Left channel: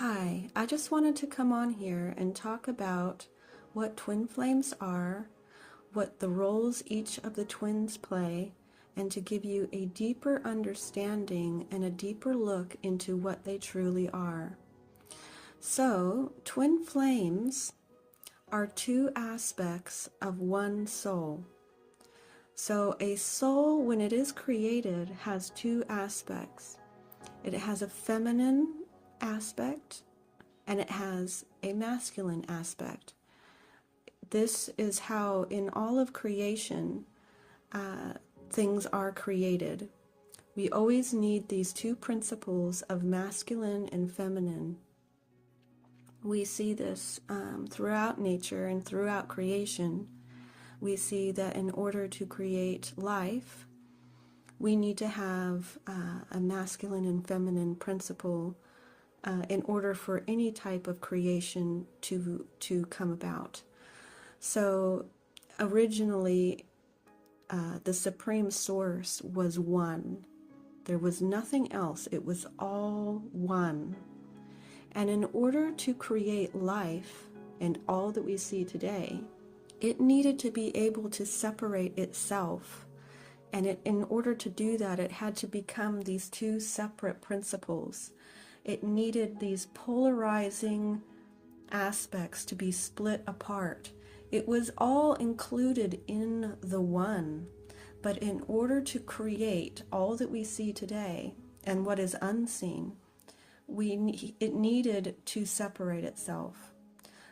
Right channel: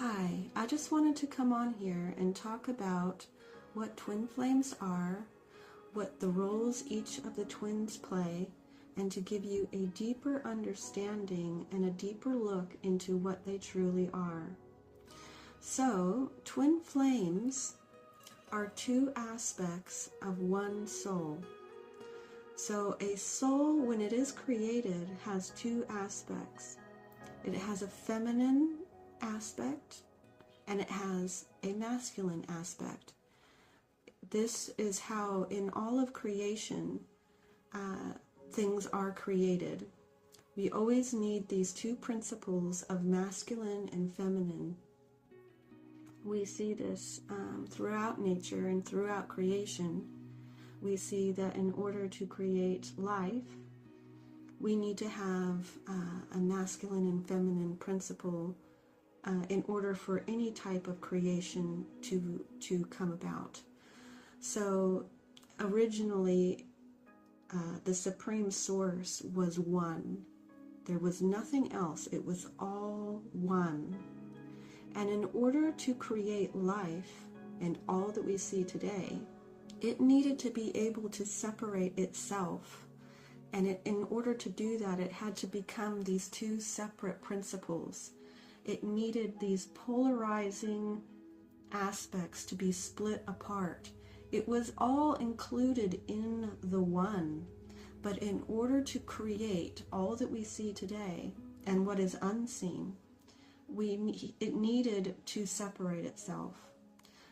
Hi, I just wanted to come on here and talk about what twin flames are, what the roles each of the twins play, and to give you a deeper understanding and a deeper look into what they truly are. So, twin flames are two aspects of one soul. So, a soul, when it is created, has two aspects. It has a feminine aspect and it has a masculine aspect. This is how in all of creation things are created. We always need these two principles of masculine and feminine. We see this throughout nature and throughout creation. We see that in order to create life, we need to have a masculine and feminine principle in order for any type of creation to come about. So originally, the Supreme Source was one. There was nothing else. It was all one. And in order to create life and all that we see today, it needed to be able to separate itself. And in order to do that, it had to become these two separate principles. It needed these polarizing aspects to be split apart. It was all included in the one, but in order to create all that we see today and what is unseen, it needed to separate itself.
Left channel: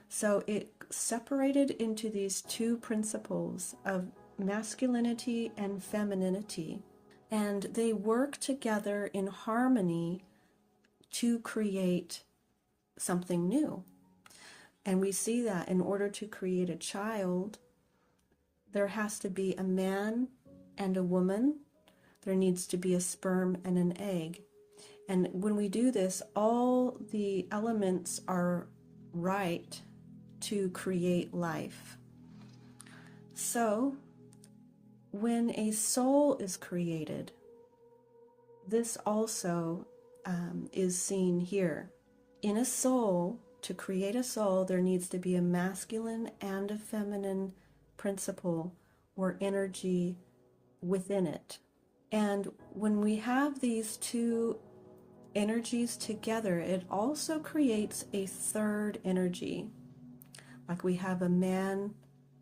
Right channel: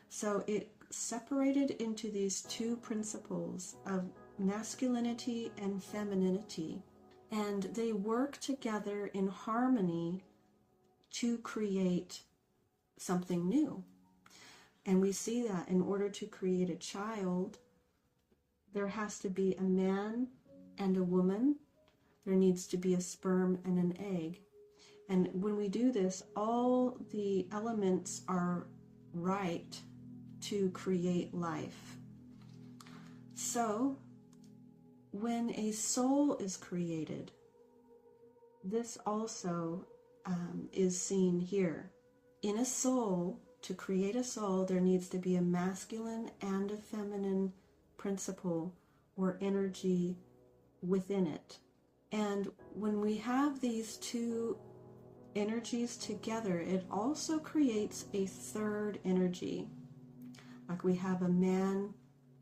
So it separated into these two principles of masculinity and femininity, and they work together in harmony to create something new. And we see that in order to create a child, there has to be a man and a woman. There needs to be a sperm and an egg. And when we do this, all the elements are right to create life. So, when a soul is created, this also is seen here. In a soul, to create a soul, there needs to be a masculine and a feminine principle or energy within it. And when we have these two energies together, it also creates a third energy. Like we have a man,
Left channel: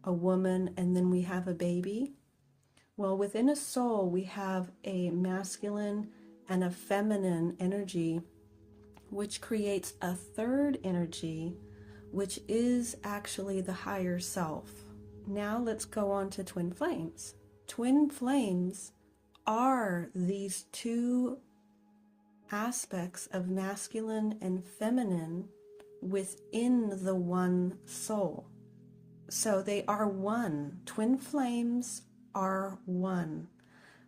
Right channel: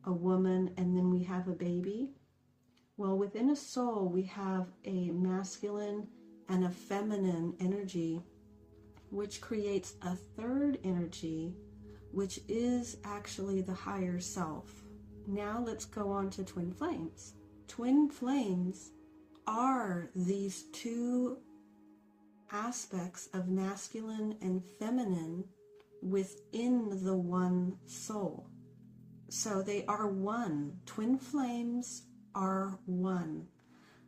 a woman, and then we have a baby. Well, within a soul, we have a masculine and a feminine energy, which creates a third energy, which is actually the higher self. Now let's go on to twin flames. Twin flames are these two aspects of masculine and feminine within the one soul. So they are one. Twin flames are one.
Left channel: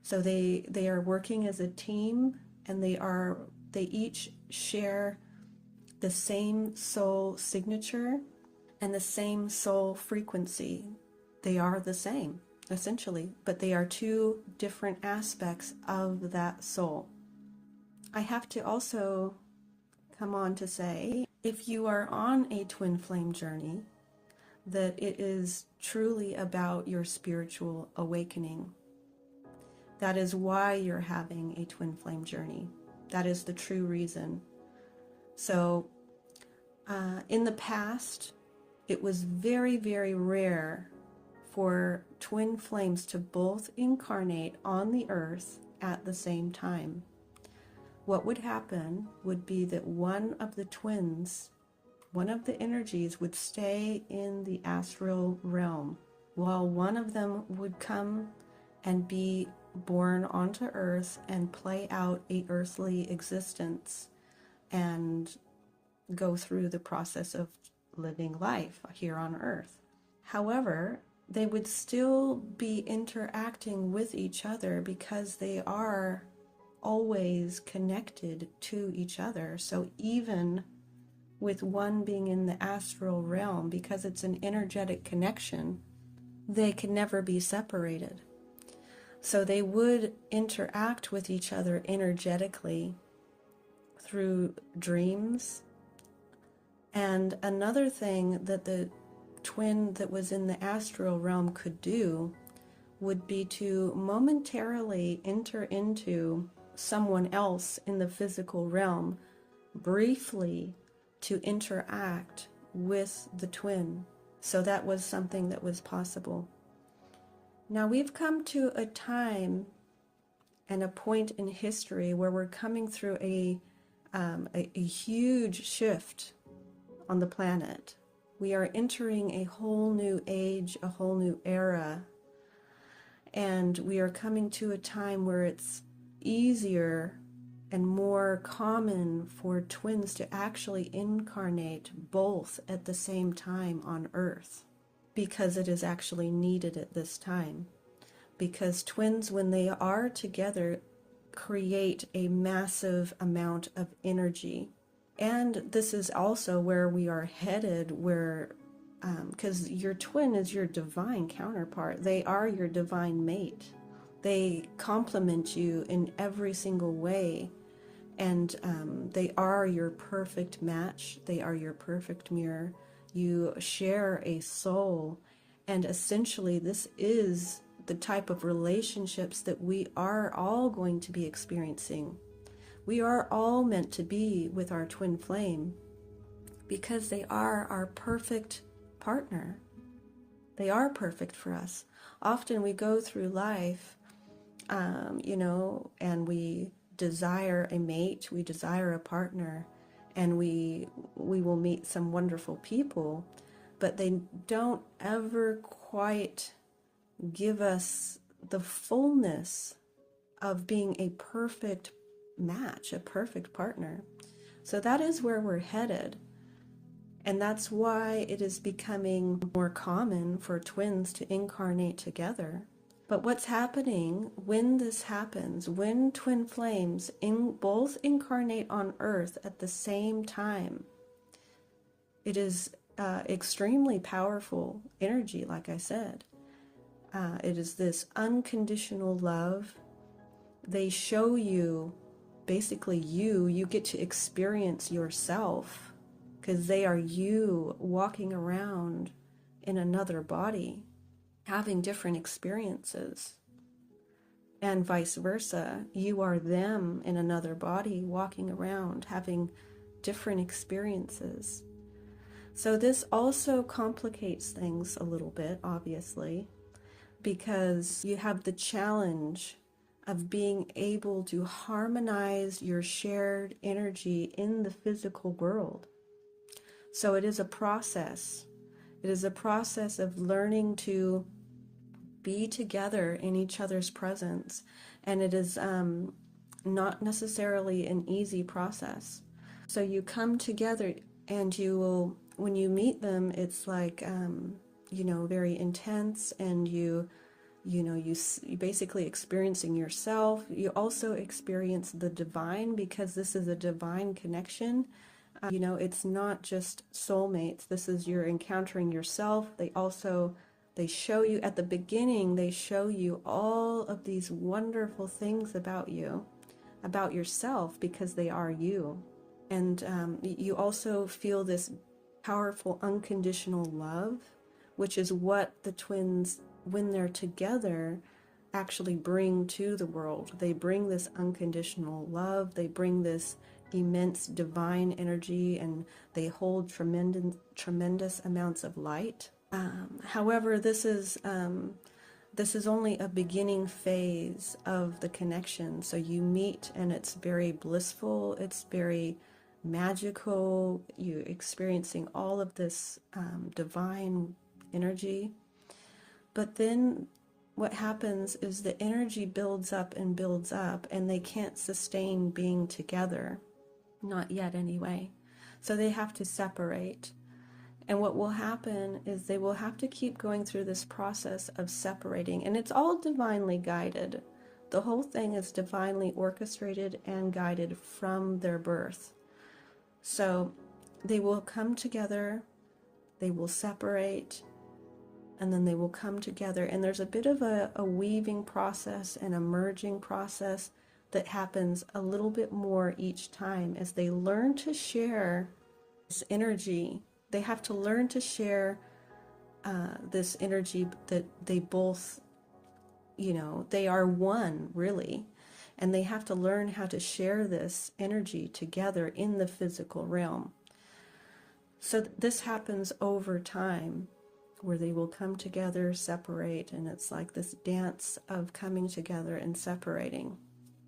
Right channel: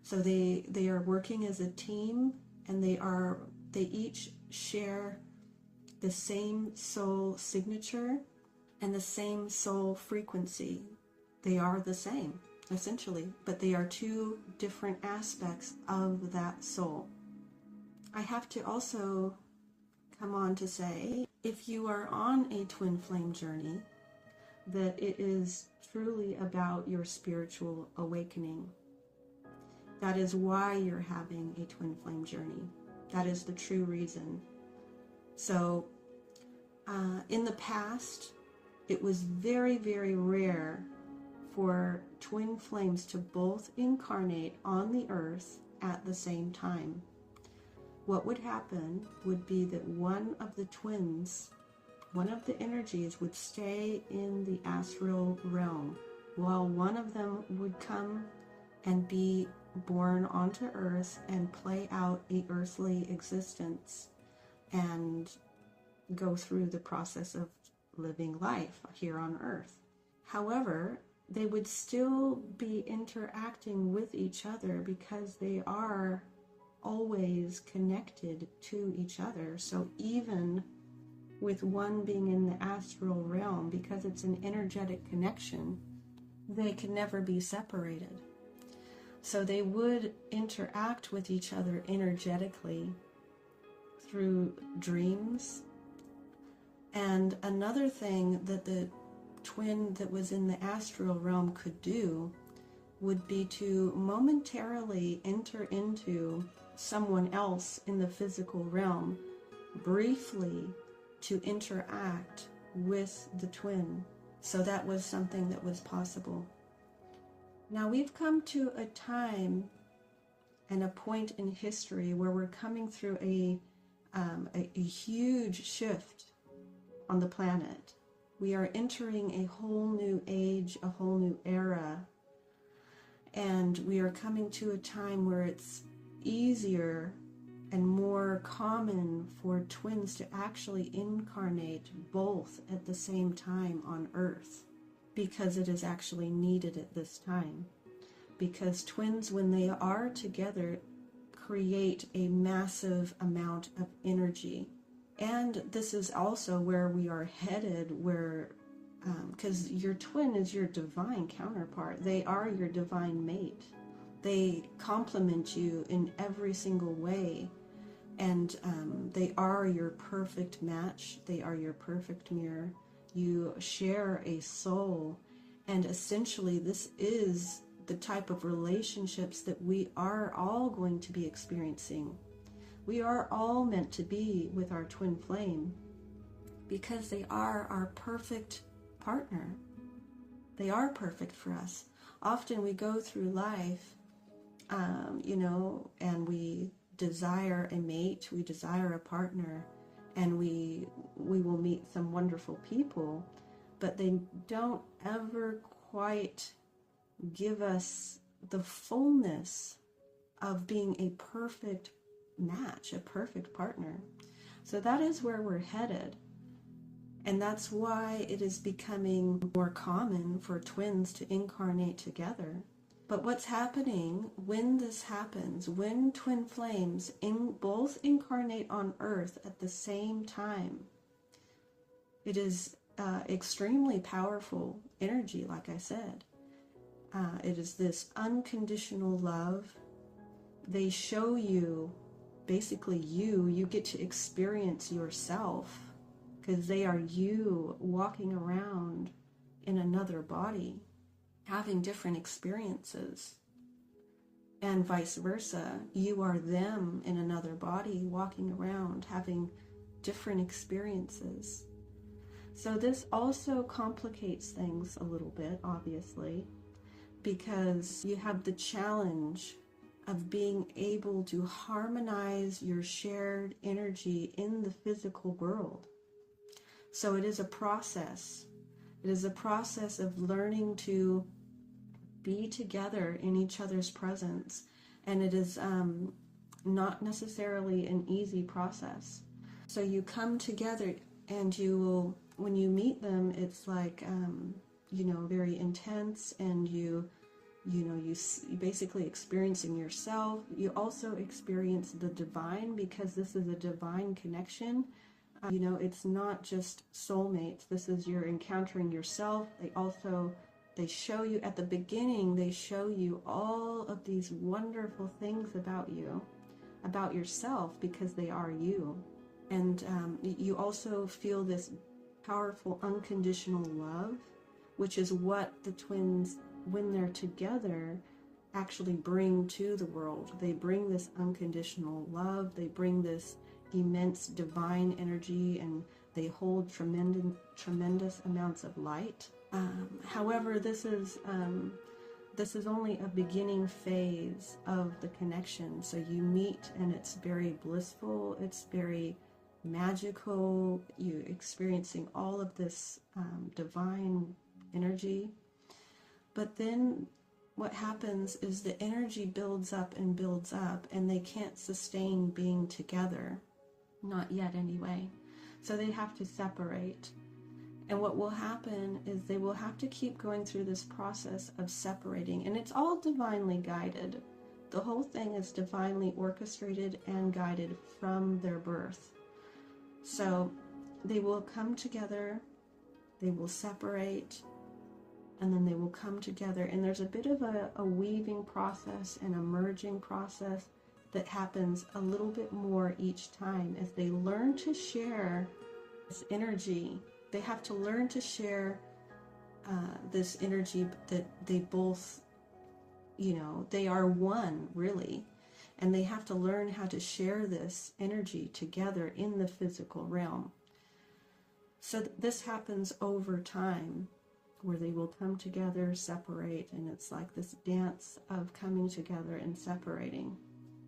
So they are working as a team, and they each share the same soul signature and the same soul frequency. They are the same, essentially, but they are two different aspects of that soul. I have to also come on to say, if you are on a twin flame journey, that it is truly about your spiritual awakening. That is why you're having a twin flame journey. That is the true reason. So, in the past, it was very, very rare for twin flames to both incarnate on the earth at the same time. What would happen would be that one of the twins, one of the energies, would stay in the astral realm, while one of them would come and be born onto earth and play out a earthly existence and go through the process of living life here on earth. However, they would still be interacting with each other because they are always connected to each other. So even with one being in the astral realm, because it's an energetic connection, they can never be separated. So they would interact with each other energetically through dreams, And another thing that the twin that was in the astral realm could do would be to momentarily enter into someone else in the physical realm, briefly, to interact with the twin. So that was something that was possible. Now we've come to a time and a point in history where we're coming through a huge shift on the planet. We are entering a whole new age, a whole new era, and we are coming to a time where it's easier and more common for twins to actually incarnate both at the same time on Earth, because it is actually needed at this time. Because twins, when they are together, create a massive amount of energy. And this is also where we are headed, where because your twin is your divine counterpart. They are your divine mate. They complement you in every single way. And they are your perfect match. They are your perfect mirror. You share a soul. And essentially, this is the type of relationships that we are all going to be experiencing. We are all meant to be with our twin flame because they are our perfect partner. They are perfect for us. Often we go through life, and we desire a mate, we desire a partner, and we will meet some wonderful people, but they don't ever quite give us the fullness of being a perfect match, a perfect partner. So that is where we're headed. And that's why it is becoming more common for twins to incarnate together. But what's happening when this happens, when twin flames both incarnate on Earth at the same time, it is extremely powerful energy, like I said. It is this unconditional love. They show you, basically you get to experience yourself, because they are you walking around in another body, having different experiences. And vice versa, you are them in another body, walking around, having different experiences. So this also complicates things a little bit, obviously, because you have the challenge of being able to harmonize your shared energy in the physical world. So it is a process. It is a process of learning to be together in each other's presence. And it is not necessarily an easy process. So you come together and you will, when you meet them, it's like, very intense, and you basically experiencing yourself. You also experience the divine, because this is a divine connection. It's not just soulmates. This is you're encountering yourself. They show you at the beginning, they show you all of these wonderful things about you, about yourself, because they are you. And you also feel this powerful unconditional love, which is what the twins, when they're together, actually bring to the world. They bring this unconditional love. They bring this immense divine energy, and they hold tremendous amounts of light. However, this is only a beginning phase of the connection. So you meet, and it's very blissful. It's very magical. You're experiencing all of this divine energy. But then what happens is the energy builds up, and they can't sustain being together. Not yet, anyway. So they have to separate. And what will happen is they will have to keep going through this process of separating. And it's all divinely guided. The whole thing is divinely orchestrated and guided from their birth. So they will come together, they will separate, and then they will come together. And there's a bit of a weaving process and a merging process that happens a little bit more each time as they learn to share This energy, they have to learn to share this energy that they both, they are one, really. And they have to learn how to share this energy together in the physical realm. So this happens over time, where they will come together, separate, and it's like this dance of coming together and separating.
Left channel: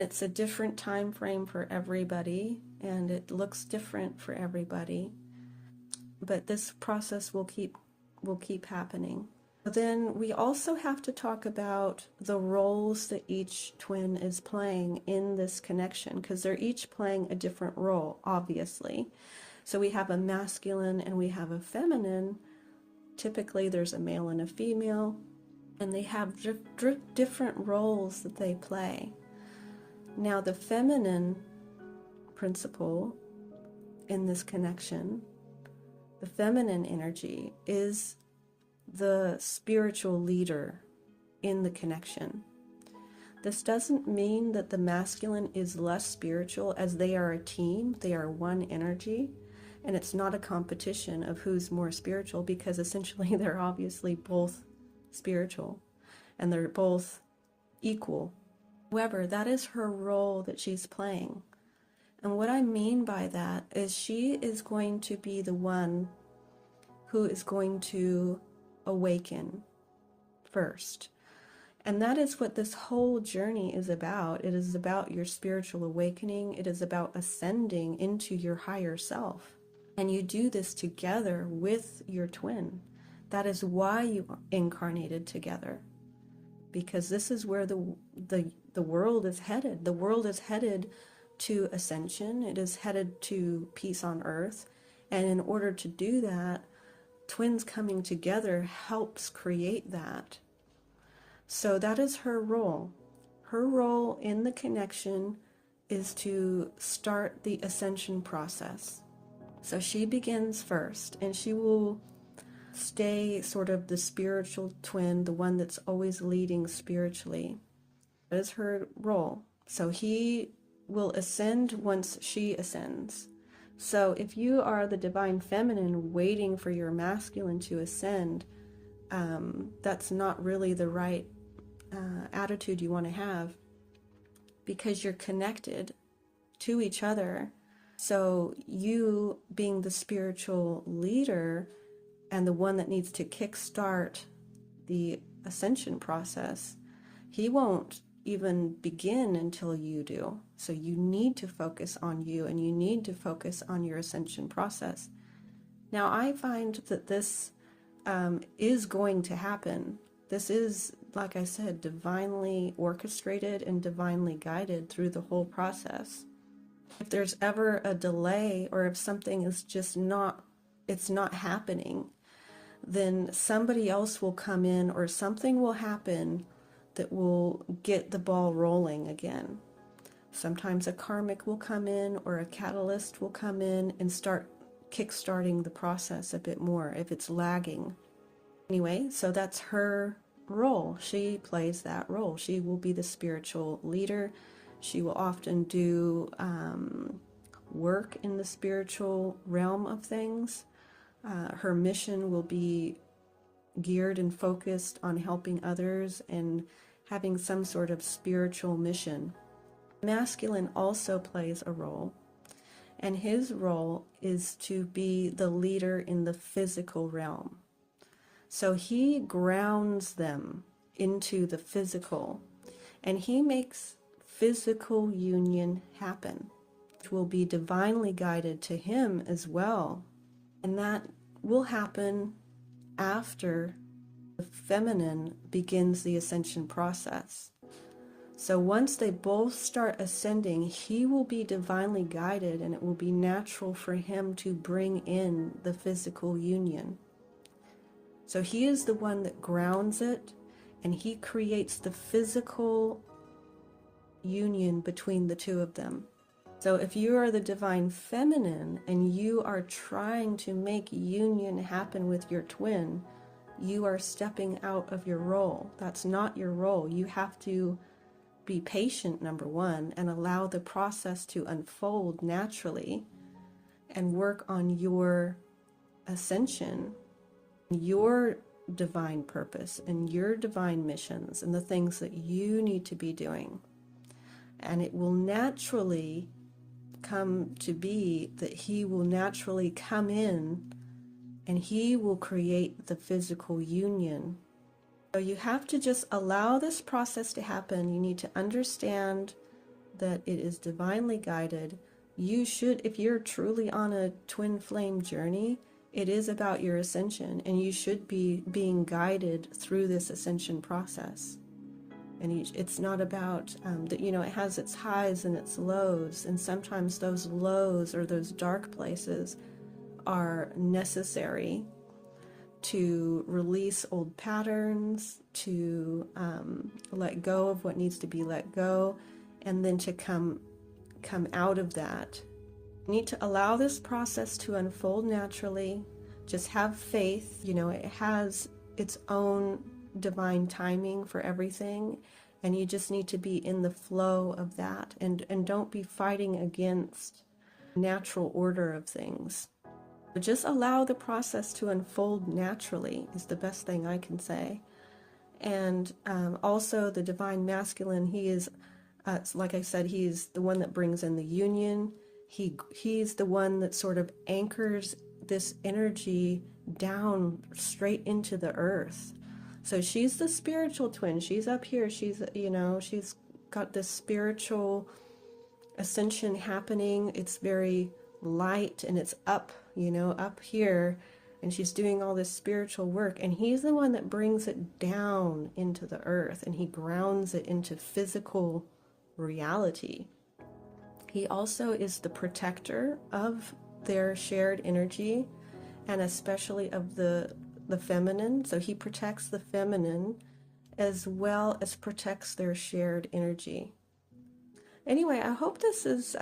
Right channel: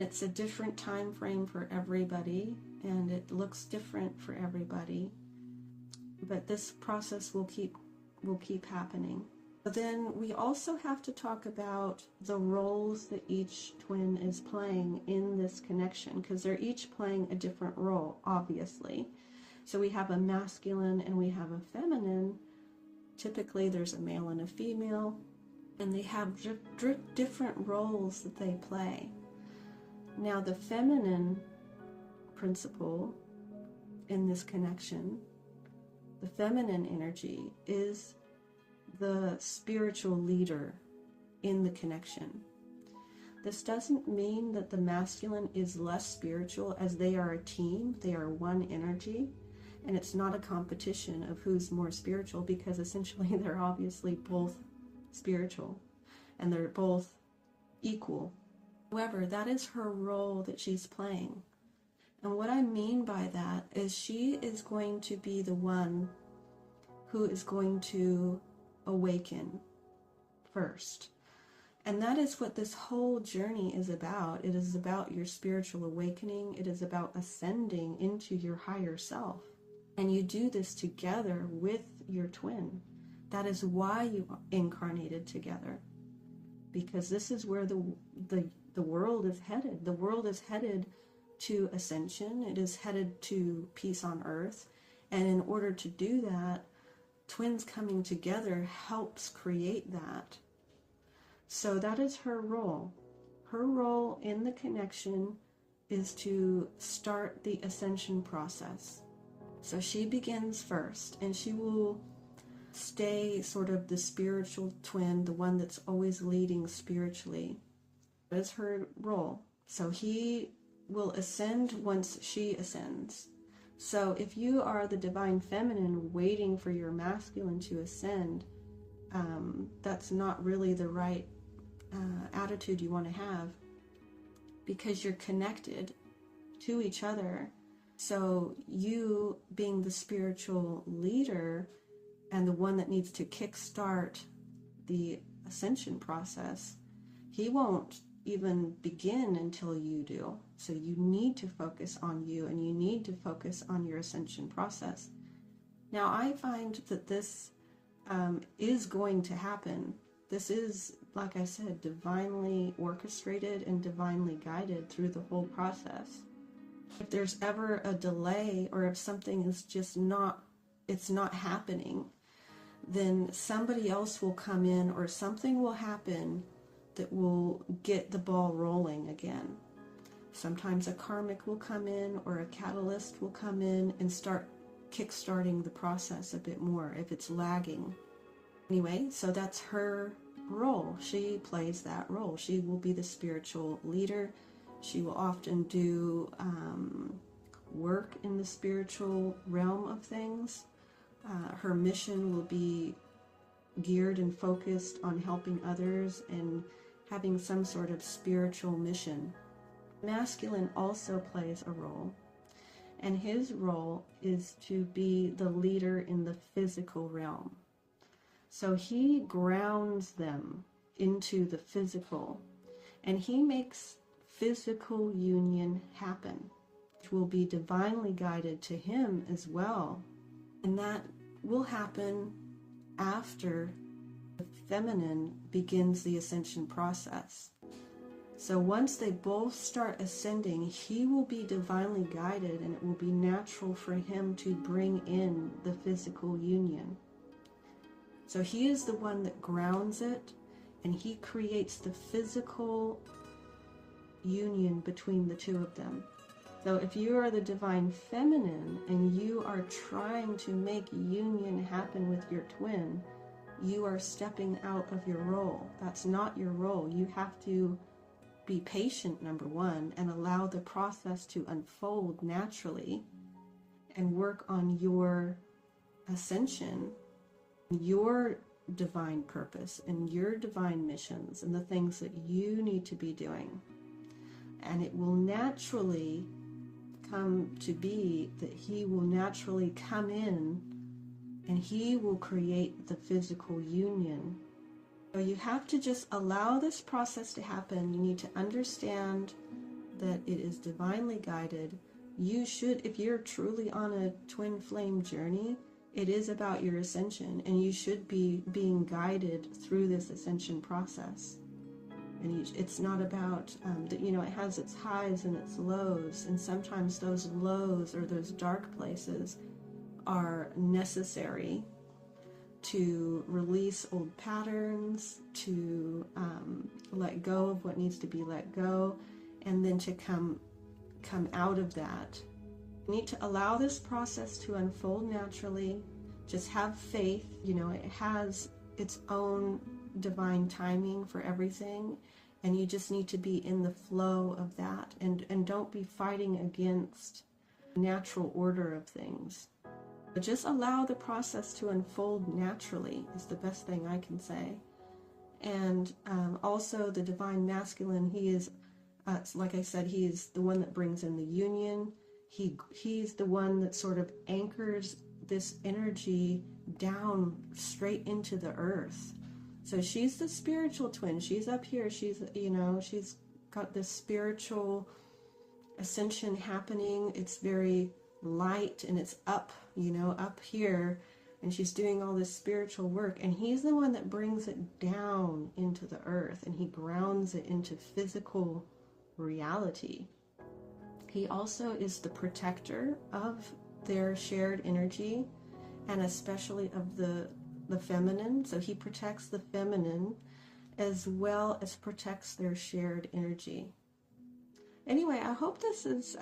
It's a different time frame for everybody, and it looks different for everybody, but this process will keep happening. Then we also have to talk about the roles that each twin is playing in this connection, because they're each playing a different role, obviously. So we have a masculine and we have a feminine. Typically there's a male and a female, and they have different roles that they play. Now the feminine principle in this connection, the feminine energy, is the spiritual leader in the connection. This doesn't mean that the masculine is less spiritual, as they are a team, they are one energy, and it's not a competition of who's more spiritual, because essentially they're obviously both spiritual and they're both equal. However, that is her role that she's playing. And what I mean by that is she is going to be the one who is going to awaken first. And that is what this whole journey is about. It is about your spiritual awakening. It is about ascending into your higher self. And you do this together with your twin. That is why you incarnated together. Because this is where the world is headed. The world is headed to ascension. It is headed to peace on earth. And in order to do that, twins coming together helps create that. So that is her role. Her role in the connection is to start the ascension process. So she begins first, and she will stay sort of the spiritual twin, the one that's always leading spiritually. That is her role. So he will ascend once she ascends. So if you are the divine feminine waiting for your masculine to ascend, that's not really the right attitude you want to have, because you're connected to each other. So you, being the spiritual leader and the one that needs to kickstart the ascension process, he won't even begin until you do. So you need to focus on you, and you need to focus on your ascension process. Now I find that this is going to happen. This is, like I said, divinely orchestrated and divinely guided through the whole process. If there's ever a delay, or if something is just not happening, then somebody else will come in, or something will happen that will get the ball rolling again. Sometimes a karmic will come in, or a catalyst will come in and start kickstarting the process a bit more if it's lagging. Anyway, so that's her role. She plays that role. She will be the spiritual leader. She will often do work in the spiritual realm of things. Her mission will be geared and focused on helping others and having some sort of spiritual mission. Masculine also plays a role, and his role is to be the leader in the physical realm. So he grounds them into the physical, and he makes physical union happen, which will be divinely guided to him as well. And that will happen after the feminine begins the ascension process. So once they both start ascending, he will be divinely guided, and it will be natural for him to bring in the physical union. So he is the one that grounds it, and he creates the physical union between the two of them. So if you are the divine feminine and you are trying to make union happen with your twin, you are stepping out of your role. That's not your role. You have to be patient, number one, and allow the process to unfold naturally. and work on your ascension, your divine purpose, and your divine missions, and the things that you need to be doing. And it will naturally come to be that he will naturally come in and he will create the physical union. So you have to just allow this process to happen. You need to understand that it is divinely guided. You should, if you're truly on a twin flame journey, it is about your ascension, and you should be being guided through this ascension process. And it's not about that, you know, it has its highs and its lows, and sometimes those lows or those dark places are necessary to release old patterns, to let go of what needs to be let go, and then to come out of that. You need to allow this process to unfold naturally. Just have faith. You know, it has its own divine timing for everything, and you just need to be in the flow of that, and don't be fighting against natural order of things. Just allow the process to unfold naturally is the best thing I can say. And also the divine masculine, he is, like I said, he is the one that brings in the union. He's the one that sort of anchors this energy down straight into the earth. So she's the spiritual twin. She's up here. She's, you know, she's got this spiritual ascension happening. It's very light and it's up, you know, up here. And she's doing all this spiritual work. And he's the one that brings it down into the earth, and he grounds it into physical reality. He also is the protector of their shared energy, and especially of the feminine. So he protects the feminine as well as protects their shared energy. Anyway, I hope this is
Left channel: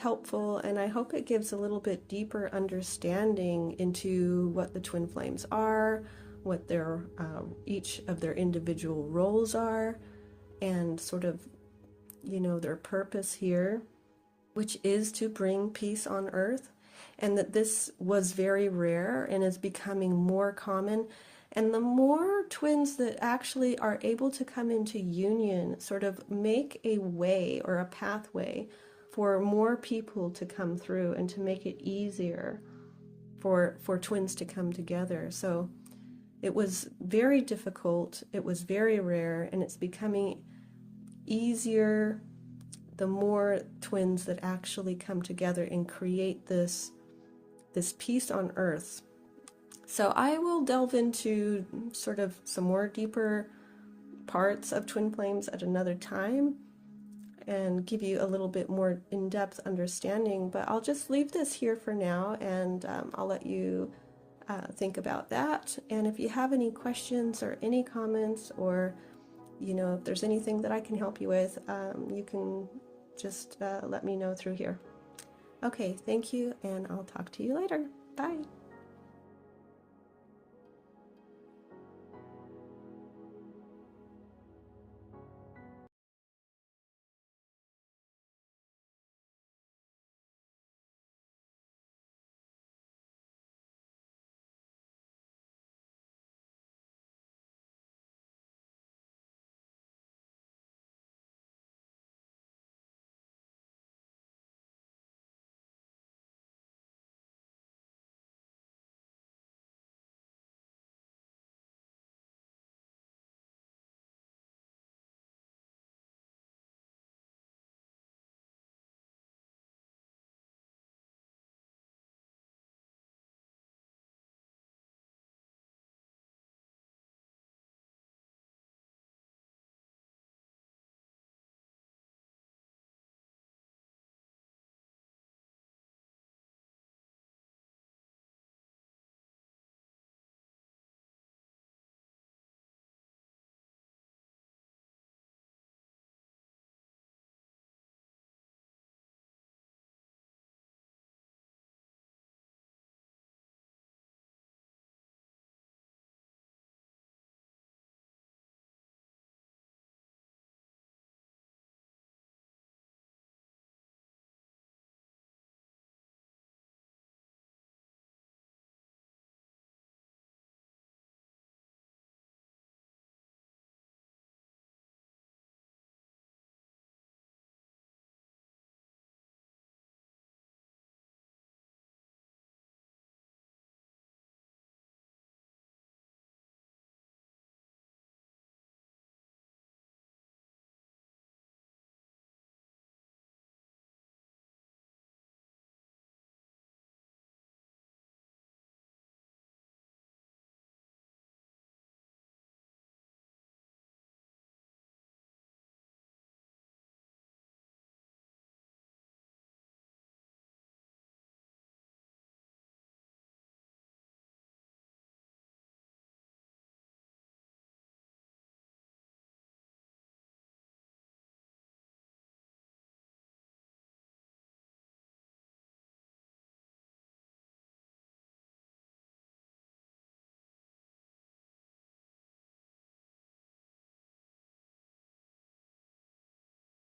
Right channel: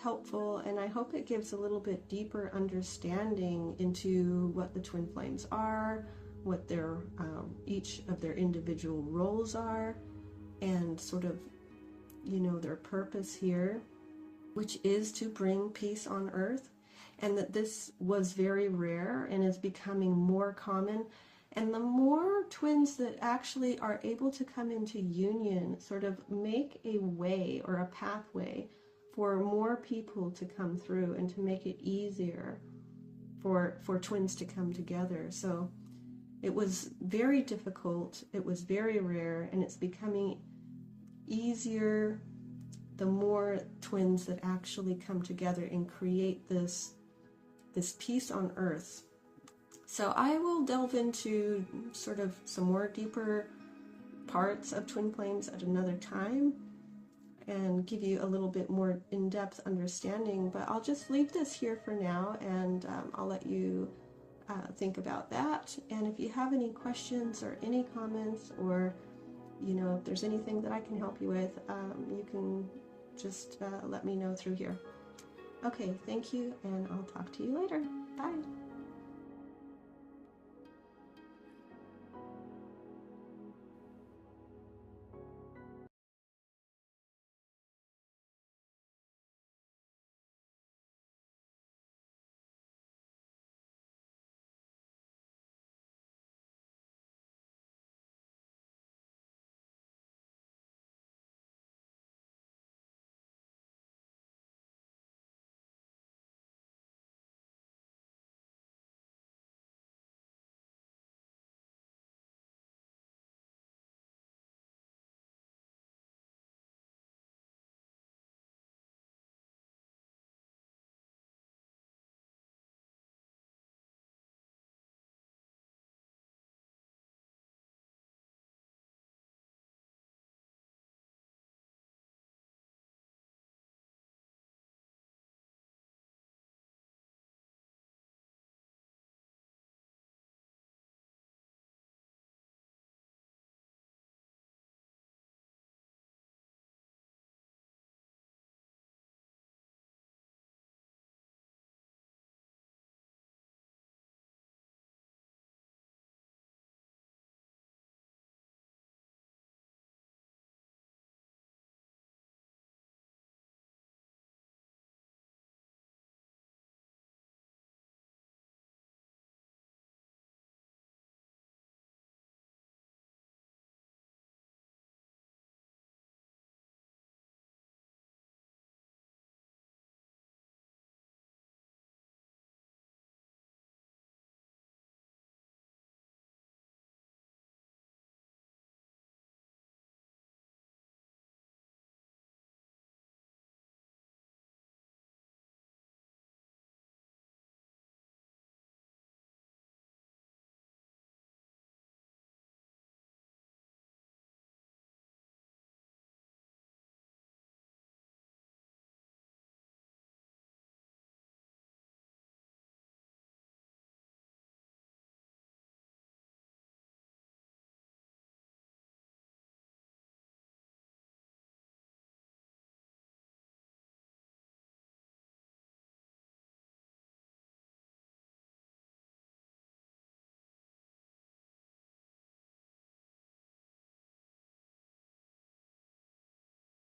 helpful, and I hope it gives a little bit deeper understanding into what the twin flames are, what their each of their individual roles are, and sort of, you know, their purpose here, which is to bring peace on earth, and that this was very rare and is becoming more common. And the more twins that actually are able to come into union sort of make a way or a pathway for more people to come through and to make it easier for twins to come together. So it was very difficult, it was very rare, and it's becoming easier the more twins that actually come together and create this peace on earth. So I will delve into sort of some more deeper parts of twin flames at another time and give you a little bit more in-depth understanding, but I'll just leave this here for now, and I'll let you think about that. And if you have any questions or any comments, or, you know, if there's anything that I can help you with, you can just let me know through here. Okay, thank you, and I'll talk to you later. Bye.